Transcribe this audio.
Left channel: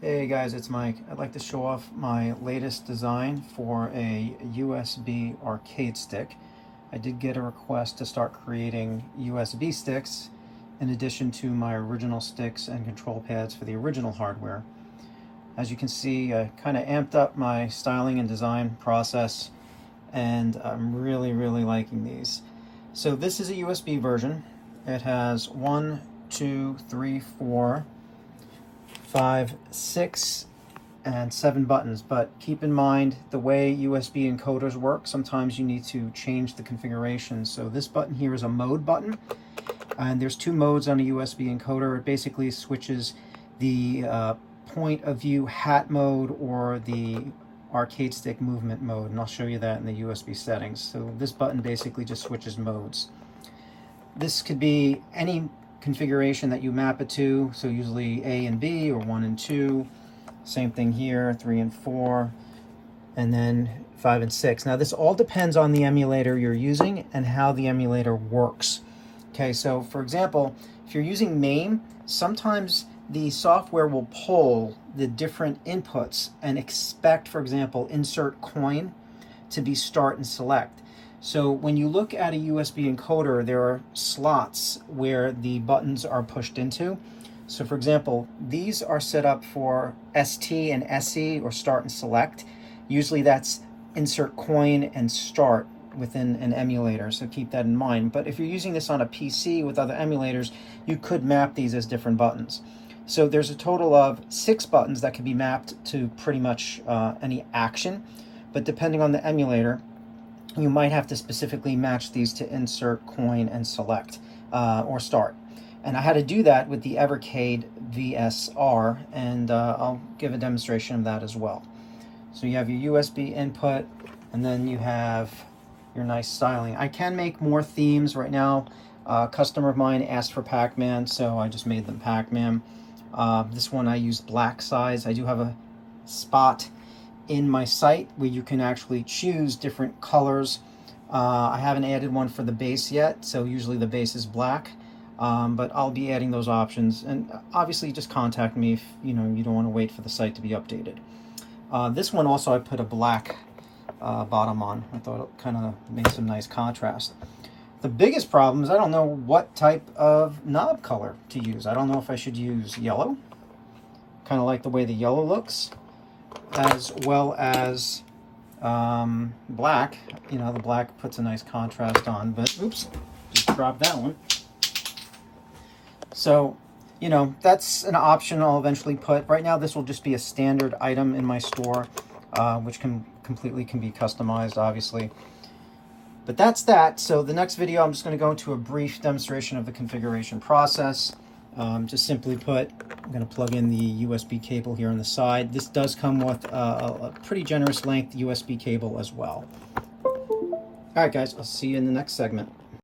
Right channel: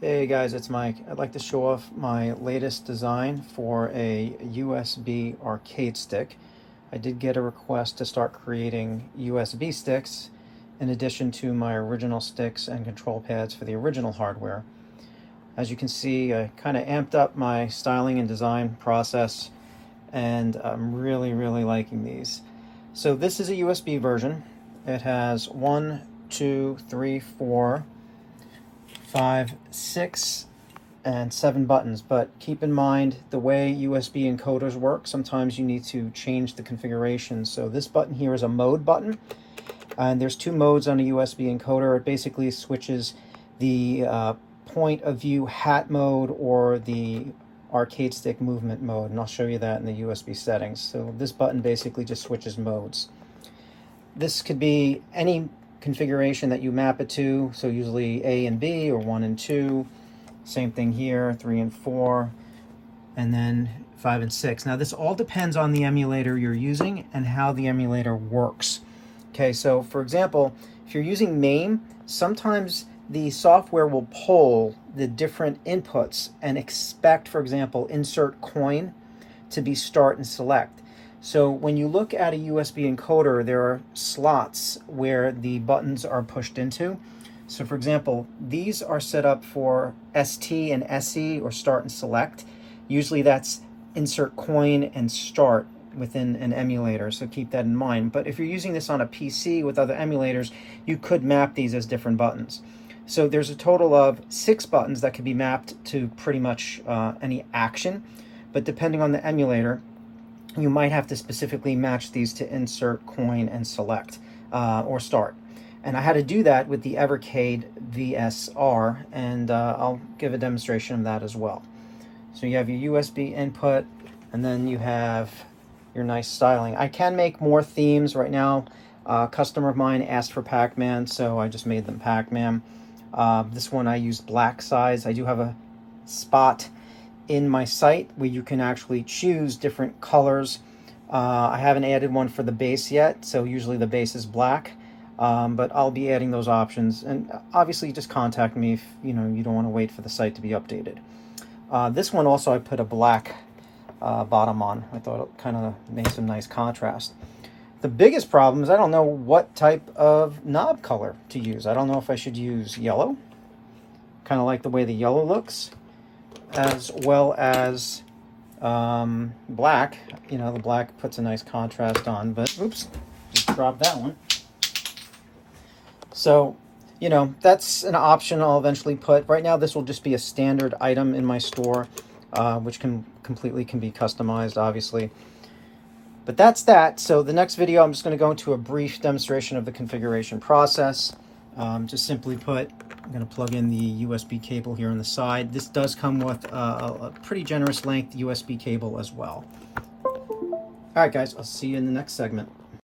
Hey guys, it's Mike. I'd like to show off my latest design for a USB arcade stick. I did get a request to start creating USB sticks in addition to my original sticks and control pads for the original hardware. As you can see, I kind of amped up my styling and design process, and I'm really liking these. So this is a USB version. It has 1, 2, 3, 4, 5, 6, and 7 buttons, but keep in mind the way USB encoders work, sometimes you need to change the configuration. So this button here is a mode button, and there's 2 modes on a USB encoder. It basically switches the point of view hat mode or the arcade stick movement mode, and I'll show you that in the USB settings. So this button basically just switches modes. This could be any configuration that you map it to, so usually A and B or 1 and 2. Same thing here, 3 and 4, and then 5 and 6. Now this all depends on the emulator you're using and how the emulator works. Okay, so for example, if you're using MAME, sometimes the software will pull the different inputs and expect, for example, insert coin to be start and select. So when you look at a USB encoder, there are slots where the buttons are pushed into. So for example, these are set up for ST and SE, or start and select. Usually that's insert coin and start within an emulator, so keep that in mind. But if you're using this on a PC with other emulators, you could map these as different buttons. So there's a total of 6 buttons that can be mapped to pretty much any action, but depending on the emulator, you might have to specifically match these to insert, coin, and select, or start. And I had to do that with the Evercade VSR, and I'll give a demonstration of that as well. So you have your USB input, and then you have your nice styling. I can make more themes right now. A customer of mine asked for Pac-Man, so I just made them Pac-Man. This one I used black size. I do have a spot in my site where you can actually choose different colors. I haven't added one for the base yet, so usually the base is black, but I'll be adding those options. And obviously just contact me if you don't want to wait for the site to be updated. This one also I put a black bottom on. I thought it kind of made some nice contrast. The biggest problem is I don't know what type of knob color to use. I don't know if I should use yellow, kind of like the way the yellow looks, as well as black. The black puts a nice contrast on, but oops, just dropped that one. So, that's an option I'll eventually put. Right now, this will just be a standard item in my store, which can be customized, obviously. But that's that. So the next video, I'm just going to go into a brief demonstration of the configuration process. Just simply put, I'm going to plug in the USB cable here on the side. This does come with a pretty generous length USB cable as well. All right, guys, I'll see you in the next segment.